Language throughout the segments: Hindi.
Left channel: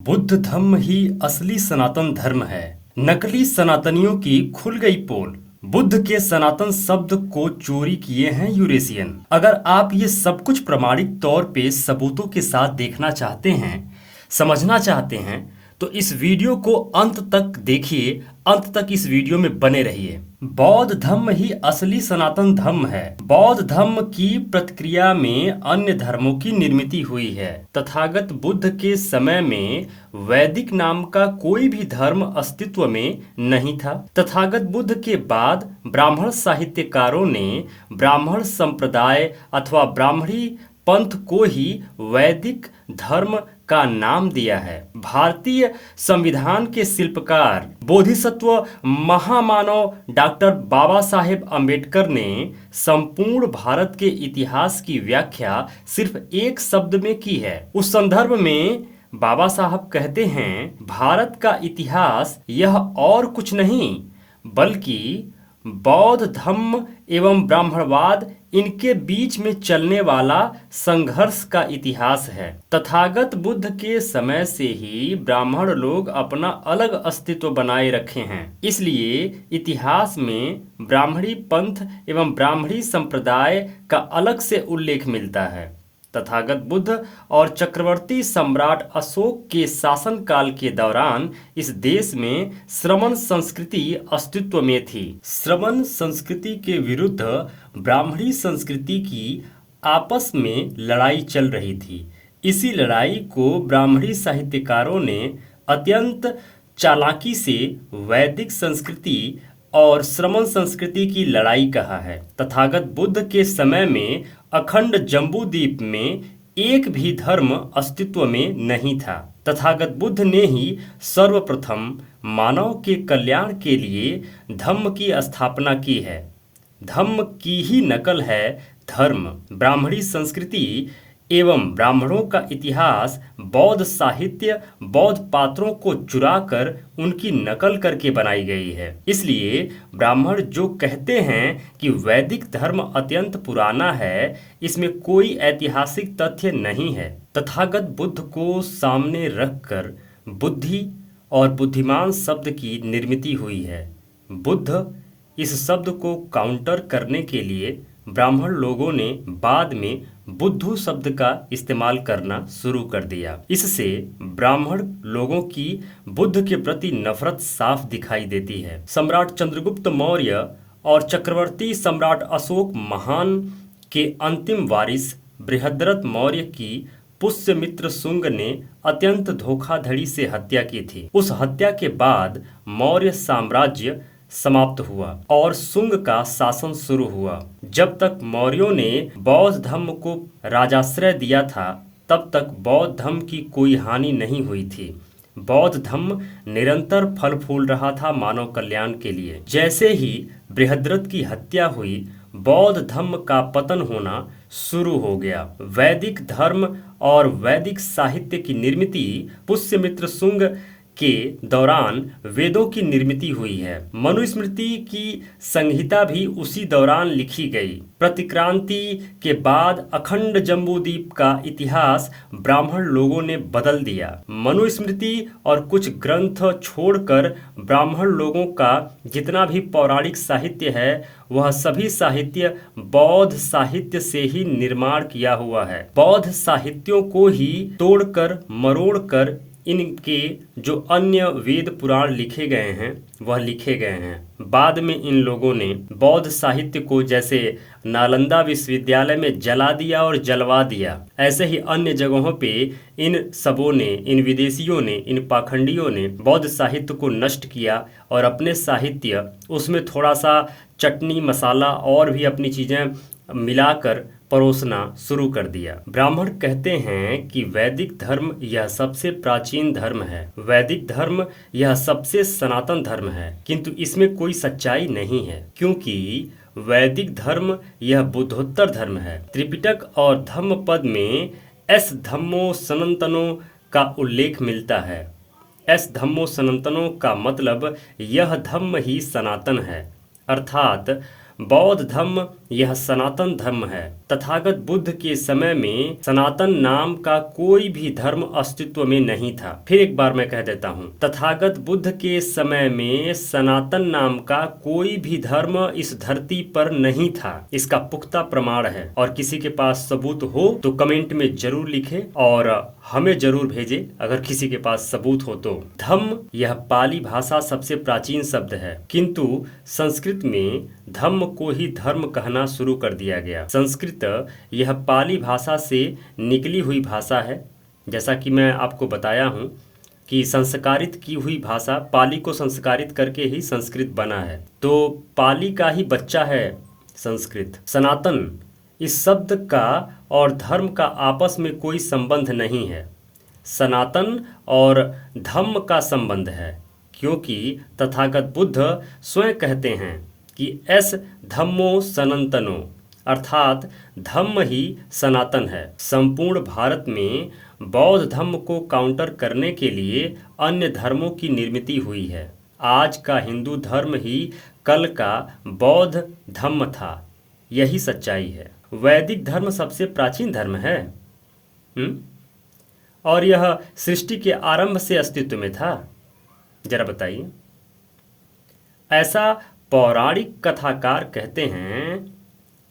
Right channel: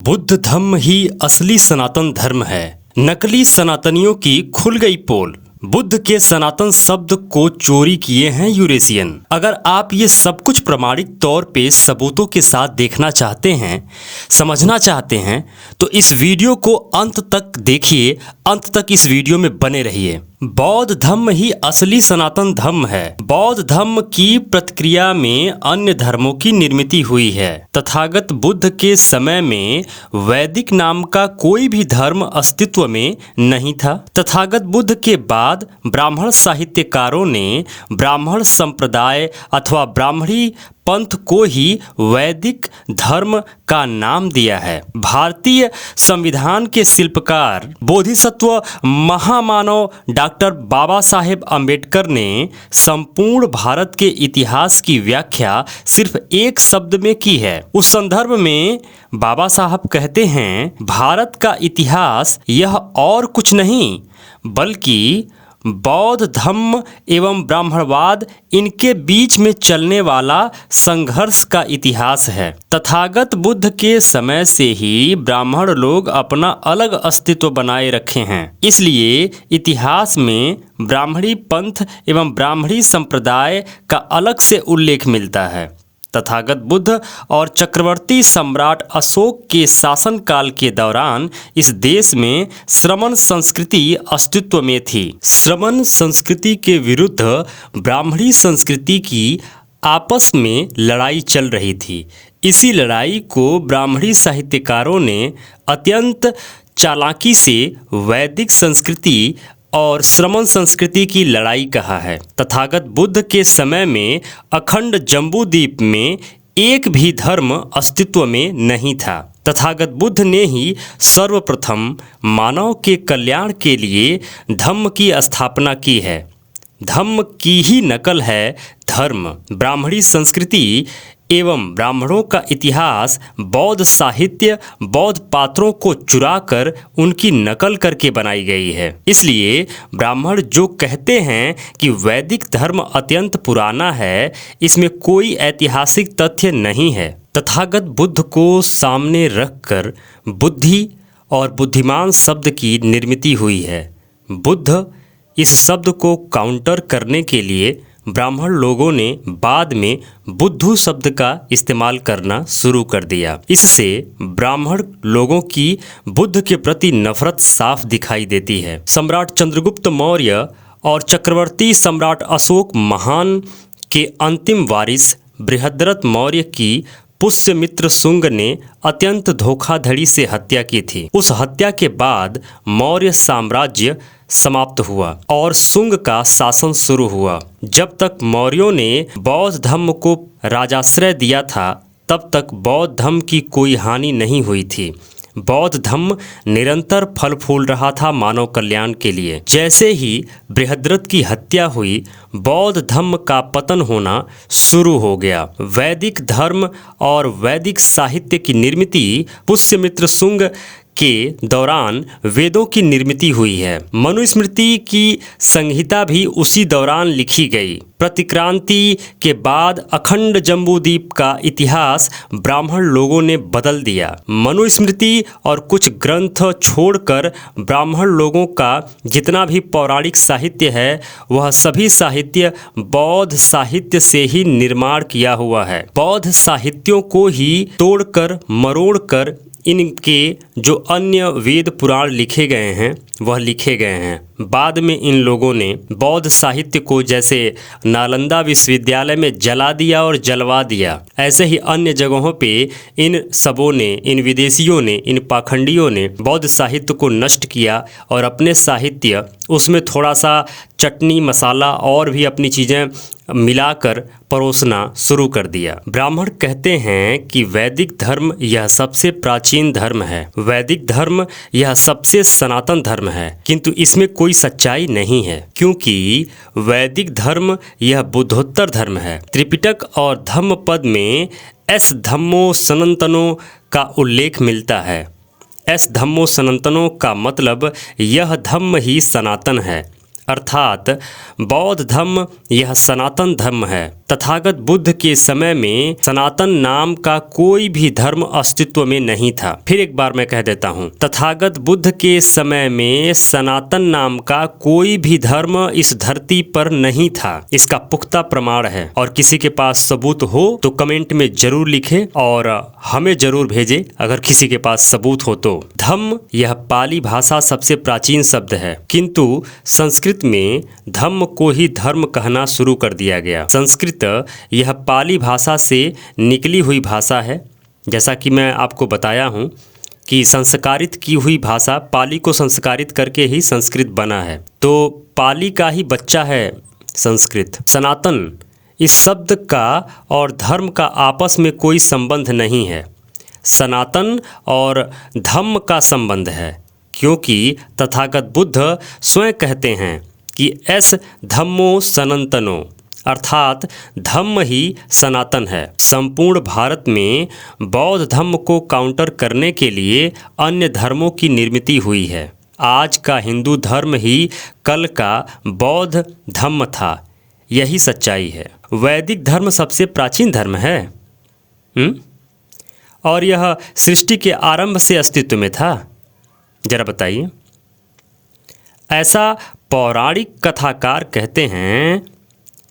बुद्ध धम्म ही असली सनातन धर्म है। नकली सनातनियों की खुल गई पोल। बुद्ध के सनातन शब्द को चोरी किए हैं यूरेशियन। अगर आप ये सब कुछ प्रमाणिक तौर पे सबूतों के साथ देखना चाहते हैं, समझना चाहते हैं, तो इस वीडियो को अंत तक देखिए। अंत तक इस वीडियो में बने रहिए। बौद्ध धर्म ही असली सनातन धर्म है। बौद्ध धर्म की प्रतिक्रिया में अन्य धर्मों की निर्मित हुई है। तथागत बुद्ध के समय में वैदिक नाम का कोई भी धर्म अस्तित्व में नहीं था। तथागत बुद्ध के बाद ब्राह्मण साहित्यकारों ने ब्राह्मण संप्रदाय अथवा ब्राह्मणी पंथ को ही वैदिक धर्म का नाम दिया है। भारतीय संविधान के शिल्पकार बोधिसत्व महामानव डॉक्टर बाबा साहेब अम्बेडकर ने संपूर्ण भारत के इतिहास की व्याख्या सिर्फ एक शब्द में की है। उस संदर्भ में बाबा साहब कहते हैं, भारत का इतिहास यह और कुछ नहीं बल्कि बौद्ध धर्म एवं ब्राह्मणवाद इनके बीच में चलने वाला संघर्ष का इतिहास है। तथागत बुद्ध के समय से ही ब्राह्मण लोग अपना अलग अस्तित्व बनाए रखे हैं। इसलिए इतिहास में ब्राह्मणी पंथ एवं ब्राह्मणी संप्रदाय का अलग से उल्लेख मिलता है। तथागत बुद्ध और चक्रवर्ती सम्राट अशोक के शासनकाल के दौरान इस देश में श्रमण संस्कृति अस्तित्व में थी। श्रमण संस्कृति के विरुद्ध ब्राह्मणी संस्कृति की आपस में लड़ाई चल रही थी। इसी लड़ाई को ब्राह्मणी साहित्यकारों ने अत्यंत चालाकी से वैदिक संस्कृति और श्रमण संस्कृति की लड़ाई कहा है। तथागत बुद्ध के समय में अखंड जम्बूद्वीप में एक भी धर्म अस्तित्व में नहीं था। तथागत बुद्ध ने ही सर्वप्रथम मानव के कल्याण के लिए धम्म की स्थापना की है। धम्म की ही नकल है धर्म। ब्राह्मणी संस्कृति एवं ब्राह्मणों का इतिहास बौद्ध साहित्य बौद्ध पात्रों को चुराकर उनकी नकल करके बनाई गई है। इसलिए ब्राह्मण जो कहते हैं कि वैदिक धर्म अत्यंत पुराना है, इसमें कोई ऐतिहासिक तथ्य नहीं है। तथागत बुद्ध को सामने रखकर बुद्धि और बुद्धिमान शब्द की निर्मित हुई है। बुद्ध इस शब्द को काउंटर करने के लिए ब्राह्मण लोगों ने बाद में बुद्धू शब्द का इस्तेमाल करना शुरू कर दिया। इससे ब्राह्मण लोगों की बुद्ध के प्रति नफरत साफ दिखाई देती है। सम्राट चंद्रगुप्त मौर्य और चक्रवर्ती सम्राट अशोक महान के अंतिम वारिस बृहद्रथ मौर्य की पुष्यमित्र शुंग ने अत्यंत धोखाधड़ी से हत्या की थी। उस हत्या के बाद मौर्य साम्राज्य समाप्त हुआ और शुंग का शासन शुरू हुआ। जब तक मौर्यों ने बौद्ध धर्म को राजाश्रय दिया था, तब तक बौद्ध धर्म की कोई हानि नहीं हुई थी। बौद्ध धर्म निरंतर फल फूल रहा था मानव कल्याण के लिए। जैसे ही बृहद्रथ की हत्या हुई, बौद्ध धर्म का पतन होना शुरू हो गया। वैदिक धर्म और वैदिक साहित्य की निर्मित पुष्यमित्र शुंग के दौरान वेदों की निर्मित हुई है। मनुस्मृति की संहिता भी उसी दौरान लिखी गई। प्रतिक्रांति के बाद अखंड जम्बूद्वीप का इतिहास ब्राह्मण लोगों ने बदल दिया। मनुस्मृति और कुछ ग्रंथ छोड़कर ब्राह्मण लोगों का जितना भी पौराणिक साहित्य है, वह सभी साहित्य बौद्ध साहित्य से ही निर्माण किया हुआ है। बौद्ध साहित्यों को ही तोड़कर मरोड़कर इनके जो अन्य वेद पुराण लिखे गए हैं वह लिखे गए हैं। बाद में इन लोगों ने बौद्ध साहित्य को जैसे नालंदा विश्वविद्यालय में जला दिया और जलवा दिया, ऐसे ही अन्य जगहों पे इन सबों ने, इन विदेशियों ने, इन पाखंडियों ने बौद्ध साहित्य को नष्ट किया और अपने साहित्य उसमें थोड़ा सा चटनी मसाला और भी अपनी चीज़ें मिलाकर परोसना शुरू कर दिया। ब्राह्मण कहते हैं कि वैदिक धर्म यह सबसे प्राचीन धर्म है, वैदिक धर्म यह सबसे सनातन धर्म है, किंतु इसमें कोई सच्चाई नहीं है, क्योंकि वैदिक धर्म यह बुद्धोत्तर धर्म है। त्रिपिटक और धम्म पद में एस धम्मो सनातनो का उल्लेख मिलता है। एस धम्मो सनातनो का मतलब यह धम्म ही सनातन है। अर्थात बौद्ध धर्म यह सनातन धर्म है। तथागत बुद्ध के समय में सनातन नाम का कोई भी धर्म अस्तित्व में नहीं था। फिर एक बार मैं कह देता हूँ, तथागत बुद्ध के समय में सनातन नाम का कोई भी धर्म इस धरती पर नहीं था। इसका पुख्ता प्रमाण है और किसी के पास सबूत हो तो कमेंट में जरूर लिखे और हमें जरूर भेजे अगर किसी के पास सबूत हो तो। धम्म यह पाली भाषा सबसे प्राचीन शब्द है, किंतु संस्कृत में धम्म को ही धर्म कहना शुरू कर दिया गया। संस्कृत यह पाली भाषा से निकली हुई भाषा है। जैसा कि मैं आपको बताया हूँ कि संस्कारित की हुई भाषा, पाली को संस्कारित करके ही संस्कृत बना है, तो पाली का ही बच्चा है संस्कृत। सनातन इस शब्द का और धर्म का आपस में कोई संबंध नहीं है। सनातन और धम्म का संबंध है, क्योंकि तथागत बुद्ध स्वयं कहते हैं कि एस धम्मो सनातनो, अर्थात धम्म ही सनातन है। संपूर्ण भारत में बौद्ध धर्म को काउंटर करने के लिए अन्य धर्मों की निर्मित हुई है। आज का हिंदू धर्म ही कल का बौद्ध धर्म था, यही सच्चाई है। वैदिक धर्म सबसे प्राचीन धर्म है और यह सृष्टि के आरंभ से अस्तित्व में था। जरा बताइए। ऐसा पौराणिक कथाकार कहते हैं,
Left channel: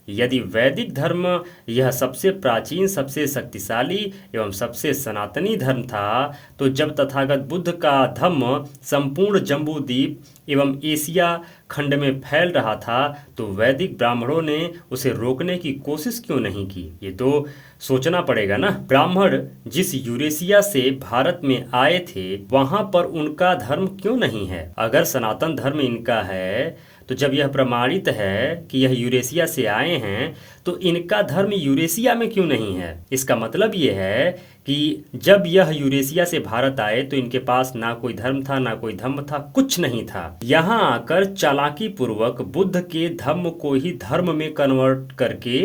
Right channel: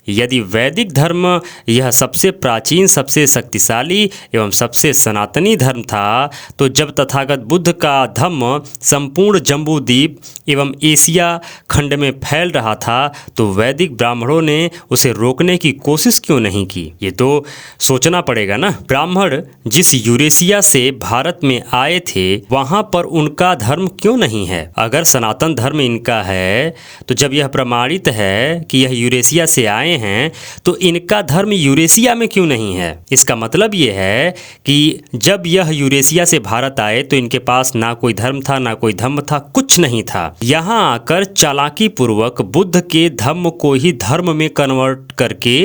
यदि वैदिक धर्म यह सबसे प्राचीन, सबसे शक्तिशाली एवं सबसे सनातनी धर्म था, तो जब तथागत बुद्ध का धम्म संपूर्ण जम्बूद्वीप एवं एशिया खंड में फैल रहा था, तो वैदिक ब्राह्मणों ने उसे रोकने की कोशिश क्यों नहीं की? ये तो सोचना पड़ेगा ना। ब्राह्मण जिस यूरेशिया से भारत में आए थे, वहाँ पर उनका धर्म क्यों नहीं है? अगर सनातन धर्म इनका है, तो जब यह प्रमाणित है कि यह यूरेशिया से आए हैं, तो इनका धर्म यूरेशिया में क्यों नहीं है? इसका मतलब ये है कि जब यह यूरेशिया से भारत आए तो इनके पास ना कोई धर्म था, ना कोई धम्म था, कुछ नहीं था। यहाँ आकर चालाकी पूर्वक बुद्ध के धम्म को ही धर्म में कन्वर्ट करके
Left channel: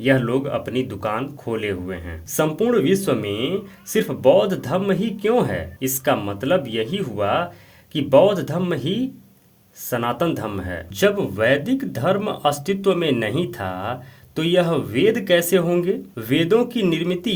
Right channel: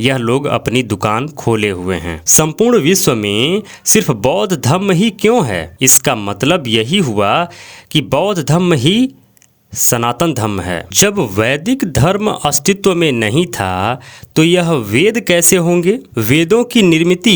यह लोग अपनी दुकान खोले हुए हैं। संपूर्ण विश्व में सिर्फ बौद्ध धर्म ही क्यों है? इसका मतलब यही हुआ कि बौद्ध धर्म ही सनातन धर्म है। जब वैदिक धर्म अस्तित्व में नहीं था, तो यह वेद कैसे होंगे? वेदों की निर्मित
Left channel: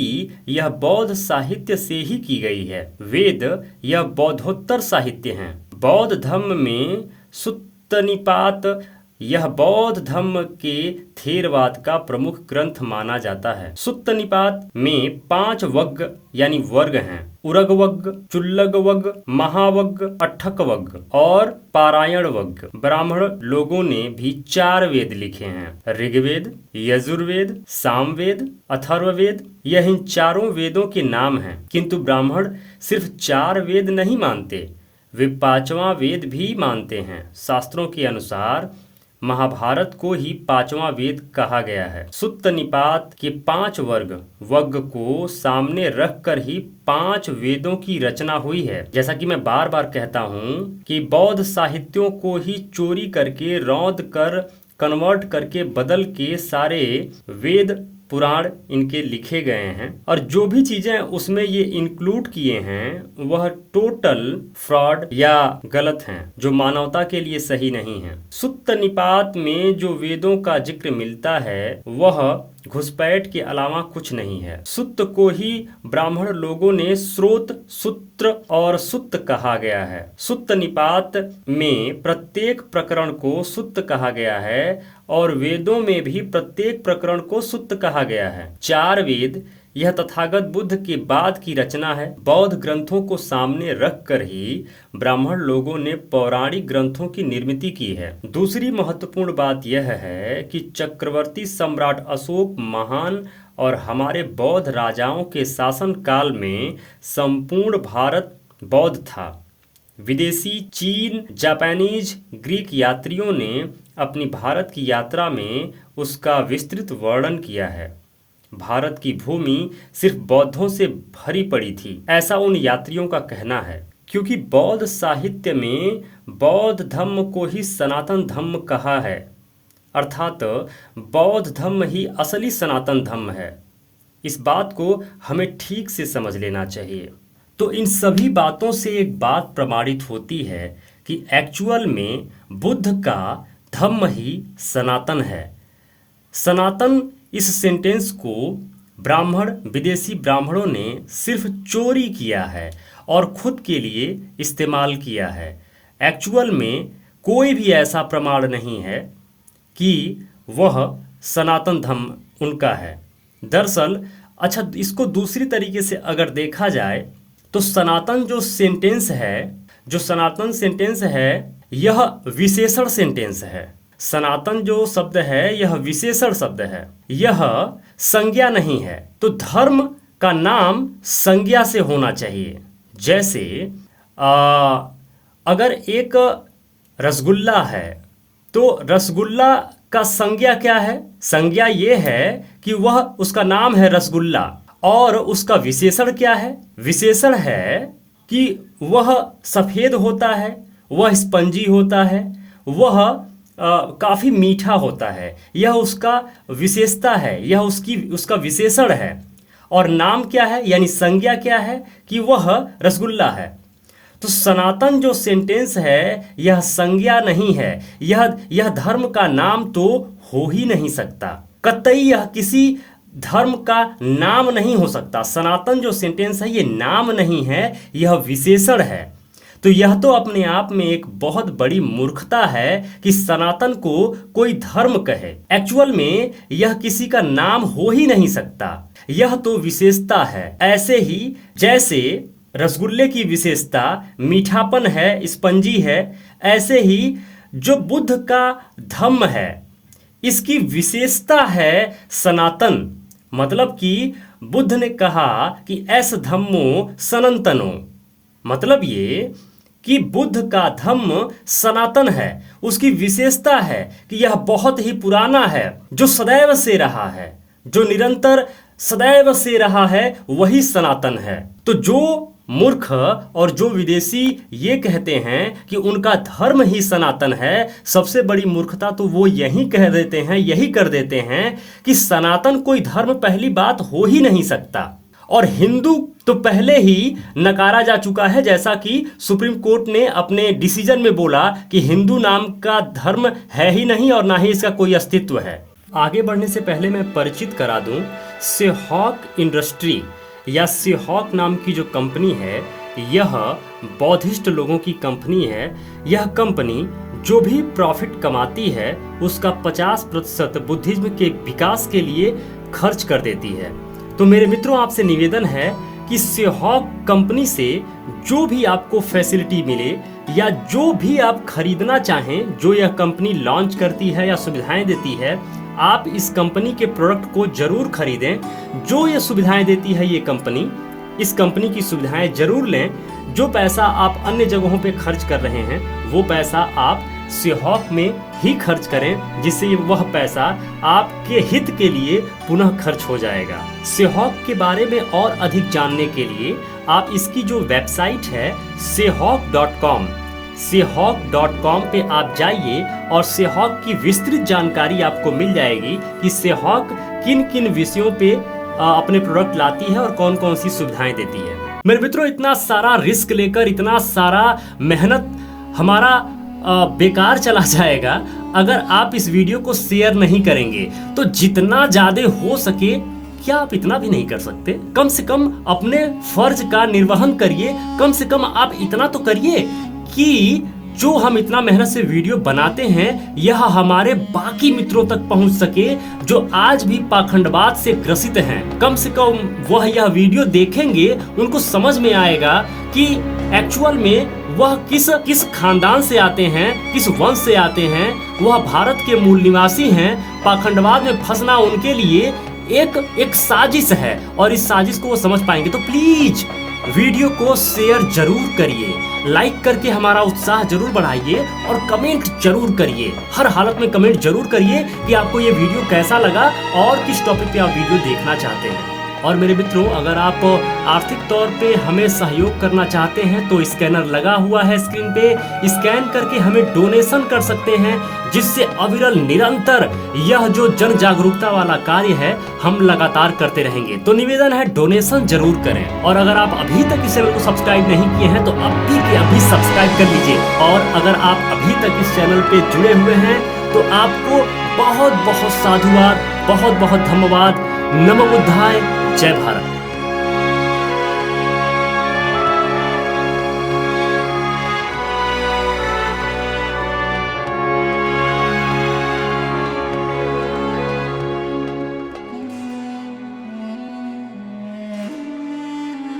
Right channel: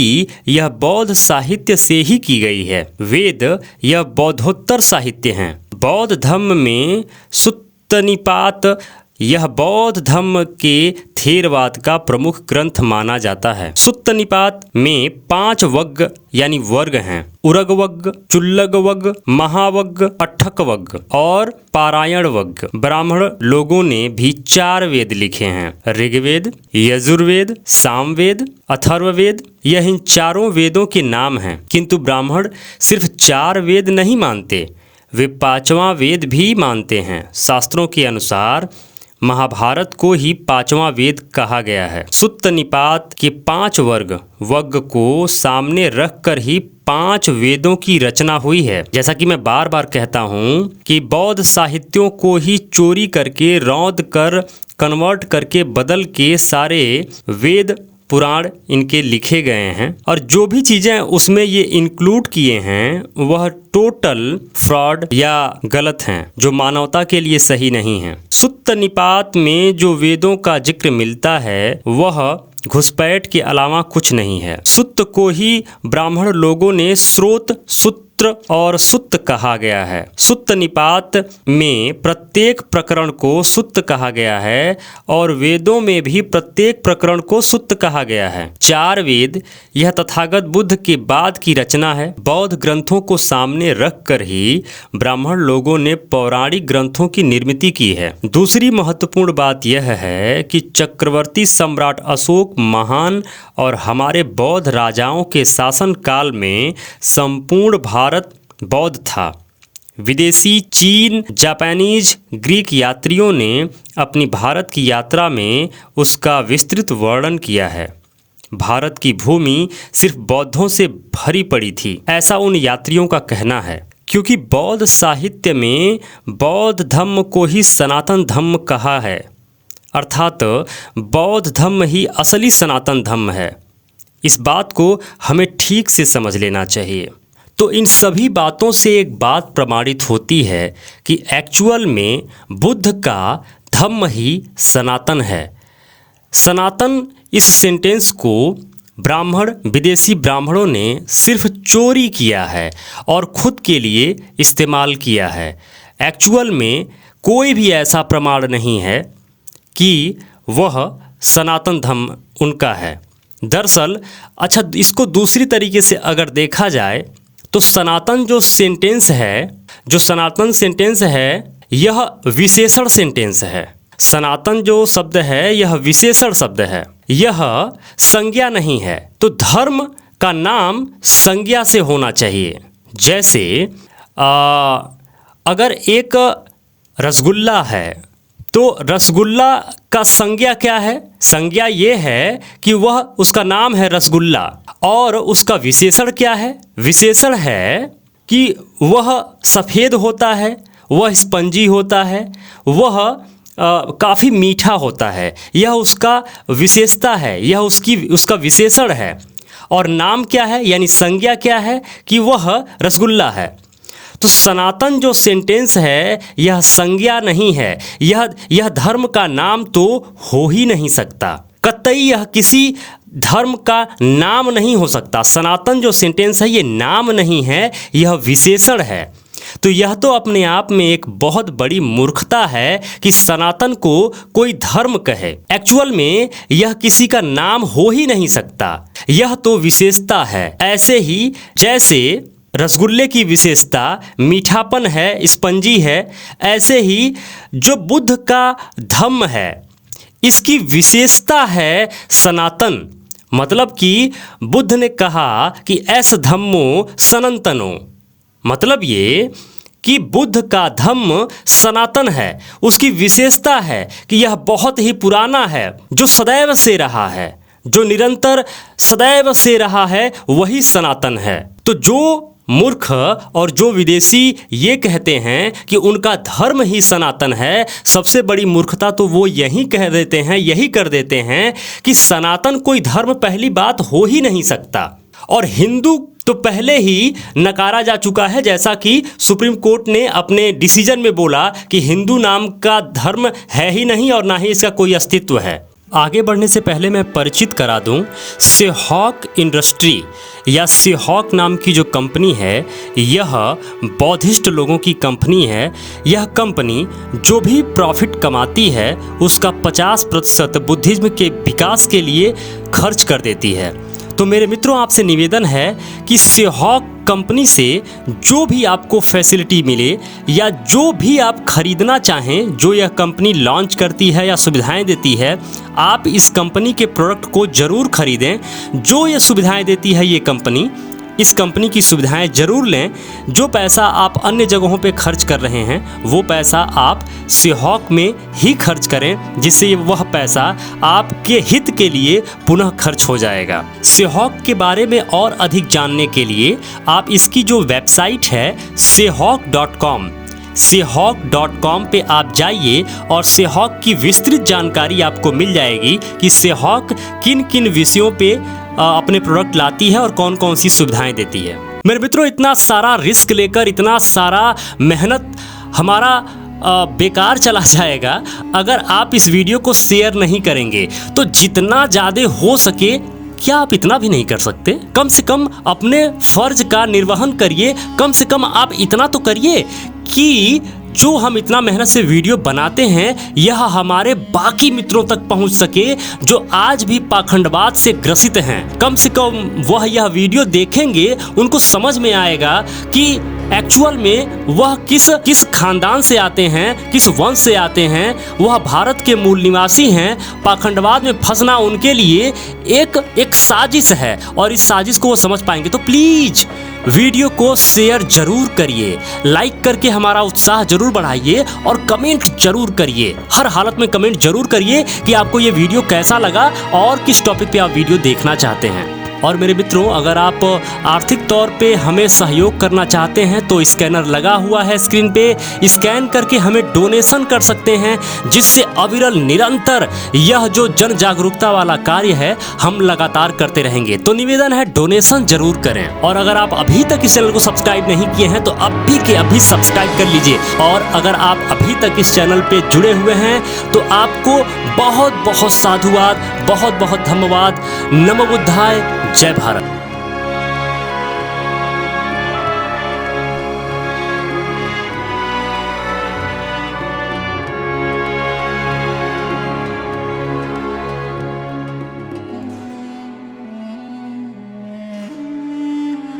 यह बौद्ध साहित्य से ही की गई है। वेद यह बौद्धोत्तर साहित्य हैं। बौद्ध धर्म में सुत्त निपात यह बौद्ध धर्म के थेरवाद का प्रमुख ग्रंथ माना जाता है। सुत्त निपात में 5 वग्ग यानी वर्ग हैं। उरग वग्ग, चुल्लग वग्ग, महावग्ग, अट्ठक वग्ग और पारायण वग्ग। ब्राह्मण लोगों ने भी 4 वेद लिखे हैं, ऋग्वेद, यजुर्वेद, सामवेद, अथर्ववेद। यह इन चारों वेदों के नाम हैं, किंतु ब्राह्मण सिर्फ 4 वेद नहीं मानते, वे 5वां वेद भी मानते हैं। शास्त्रों के अनुसार महाभारत को ही 5वां वेद कहा गया है। सुत्त निपात के 5 वग्ग को सामने रखकर ही 5 वेदों की रचना हुई है। जैसा कि मैं बार बार कहता हूँ कि बौद्ध साहित्यों को ही चोरी करके, रौंद कर, कन्वर्ट करके, बदल के सारे वेद पुराण इनके लिखे गए हैं, और जो भी चीज़ें उसमें ये इंक्लूड किए हैं वह टोटल फ्रॉड या गलत हैं, जो मानवता के लिए सही नहीं है। सुत्त निपात में जो वेदों का जिक्र मिलता है वह घुसपैठ के अलावा कुछ नहीं है। सुत्त को ही ब्राह्मण लोगों ने स्रोत, सूत्र और सुत्त कहा गया है। सुत्त निपात में प्रत्येक प्रकरण को सुत्त कहा गया है और वेदों में भी प्रत्येक प्रकरण को सुत्त कहा गया है। 4 वेद यह तथागत बुद्ध के बाद की रचना है। बौद्ध ग्रंथों को सामने रखकर ही ब्राह्मण लोगों ने पौराणिक ग्रंथों की निर्मित की है। दूसरी महत्वपूर्ण बात यह है कि चक्रवर्ती सम्राट अशोक महान और हमारे बौद्ध राजाओं के शासन काल में संपूर्ण भारत बौद्ध था। विदेशी, चीन, जापानीज, ग्रीक यात्रियों ने अपनी भारत की यात्रा में उसका विस्तृत वर्णन किया है। भारत की भूमि सिर्फ बौद्धों से भरी पड़ी थी, ऐसा उन यात्रियों का कहना है। क्योंकि बौद्ध साहित्य में बौद्ध धर्म को ही सनातन धर्म कहा है, अर्थात बौद्ध धर्म ही असली सनातन धर्म है। इस बात को हमें ठीक से समझ लेना चाहिए। तो इन सभी बातों से एक बात प्रमाणित होती है कि एक्चुअल में बुद्ध का धम्म ही सनातन है। सनातन इस सेंटेंस को विदेशी ब्राह्मणों ने सिर्फ चोरी किया है और खुद के लिए इस्तेमाल किया है। एक्चुअल में कोई भी ऐसा प्रमाण नहीं है कि वह सनातन धर्म उनका है। दरअसल अच्छा, इसको दूसरी तरीके से अगर देखा जाए तो सनातन जो सनातन सेंटेंस है यह विशेषण सेंटेंस है। सनातन जो शब्द है यह विशेषण शब्द है, यह संज्ञा नहीं है। तो धर्म का नाम संज्ञा से होना चाहिए। जैसे अगर एक रसगुल्ला है तो रसगुल्ला का संज्ञा क्या है? संज्ञा ये है कि वह उसका नाम है रसगुल्ला। और उसका विशेषण क्या है? विशेषण है कि वह सफ़ेद होता है, वह स्पंजी होता है, वह काफ़ी मीठा होता है। यह उसका विशेषता है, यह उसका विशेषण है। और नाम क्या है यानी संज्ञा क्या है कि वह रसगुल्ला है। तो सनातन जो सेंटेंस है यह संज्ञा नहीं है, यह धर्म का नाम तो हो ही नहीं सकता। कतई यह किसी धर्म का नाम नहीं हो सकता। सनातन जो सेंटेंस है ये नाम नहीं है, यह विशेषण है। तो यह तो अपने आप में एक बहुत बड़ी मूर्खता है कि सनातन को कोई धर्म कहे। एक्चुअल में यह किसी का नाम हो ही नहीं सकता, यह तो विशेषता है। ऐसे ही जैसे रसगुल्ले की विशेषता मीठापन है, स्पंजी है, ऐसे ही जो बुद्ध का धम्म है इसकी विशेषता है सनातन। मतलब कि बुद्ध ने कहा कि ऐस धम्मो सनातनो, मतलब ये कि बुद्ध का धम्म सनातन है। उसकी विशेषता है कि यह बहुत ही पुराना है, जो सदैव से रहा है, जो निरंतर सदैव से रहा है, वही सनातन है। तो जो मूर्ख और जो विदेशी ये कहते हैं कि उनका धर्म ही सनातन है, सबसे बड़ी मूर्खता तो वो यही कह देते हैं, यही कर देते हैं कि सनातन कोई धर्म पहली बात हो ही नहीं सकता। और हिंदू तो पहले ही नकारा जा चुका है, जैसा कि सुप्रीम कोर्ट ने अपने डिसीजन में बोला कि हिंदू नाम का धर्म है ही नहीं और ना ही इसका कोई अस्तित्व है। आगे बढ़ने से पहले मैं परिचित करा दूं, सेहॉक इंडस्ट्री या सेहॉक नाम की जो कंपनी है यह बौद्धिस्ट लोगों की कंपनी है। यह कंपनी जो भी प्रॉफिट कमाती है उसका 50% बुद्धिज्म के विकास के लिए खर्च कर देती है। तो मेरे मित्रों, आपसे निवेदन है कि सेहॉक कंपनी से जो भी आपको फैसिलिटी मिले या जो भी आप खरीदना चाहें, जो यह कंपनी लॉन्च करती है या सुविधाएं देती है, आप इस कंपनी के प्रोडक्ट को ज़रूर खरीदें। जो ये सुविधाएं देती है ये कंपनी, इस कंपनी की सुविधाएं ज़रूर लें। जो पैसा आप अन्य जगहों पे खर्च कर रहे हैं वो पैसा आप सेहॉक में ही खर्च करें, जिससे वह पैसा आपके हित के लिए पुनः खर्च हो जाएगा। सेहॉक के बारे में और अधिक जानने के लिए आप इसकी जो वेबसाइट है sehawk.com, sehawk.com पे आप जाइए और सेहॉक की विस्तृत जानकारी आपको मिल जाएगी कि सेहॉक किन किन विषयों पे अपने प्रोडक्ट लाती है और कौन कौन सी सुविधाएं देती है। मेरे मित्रों, इतना सारा रिस्क लेकर इतना सारा मेहनत हमारा बेकार चला जाएगा अगर आप इस वीडियो को शेयर नहीं करेंगे। तो जितना ज़्यादा हो सके, क्या आप इतना भी नहीं कर सकते? कम से कम अपने फर्ज का निर्वहन करिए। कम से कम आप इतना तो करिए कि जो हम इतना मेहनत से वीडियो बनाते हैं यह हमारे बाकी मित्रों तक पहुंच सके जो आज भी पाखंडवाद से ग्रसित हैं। कम से कम वह यह वीडियो देखेंगे, उनको समझ में आएगा कि एक्चुअल में वह किस खानदान से आते हैं, किस वंश से आते हैं, वह भारत के मूल निवासी हैं। पाखंडवाद में फंसना उनके लिए एक साजिश है और इस साजिश को वो समझ पाएंगे। तो प्लीज वीडियो को शेयर जरूर करिए, लाइक करके हमारा उत्साह जरूर बढ़ाइए और कमेंट जरूर करिए। हर हालत में कमेंट जरूर करिए कि आपको ये वीडियो कैसा लगा और किस टॉपिक पे आप वीडियो देखना चाहते हैं। और मेरे मित्रों, अगर आप आर्थिक तौर पे हमें सहयोग करना चाहते हैं तो स्कैनर लगा हुआ है स्क्रीन पे, स्कैन करके हमें डोनेशन कर सकते हैं, जिससे अविरल निरंतर यह जो जन जागरूकता वाला कार्य है हम लगातार करते रहेंगे। तो निवेदन है, डोनेशन जरूर करें। और अगर आप अभी तक इस चैनल को सब्सक्राइब नहीं किए हैं तो अभी के अभी सब्सक्राइब कर लीजिए। और अगर आप अभी तक इस चैनल पे जुड़े हुए हैं तो आपको बहुत बहुत साधुवाद, बहुत बहुत धन्यवाद। नमो बुद्धाय, जय भारत।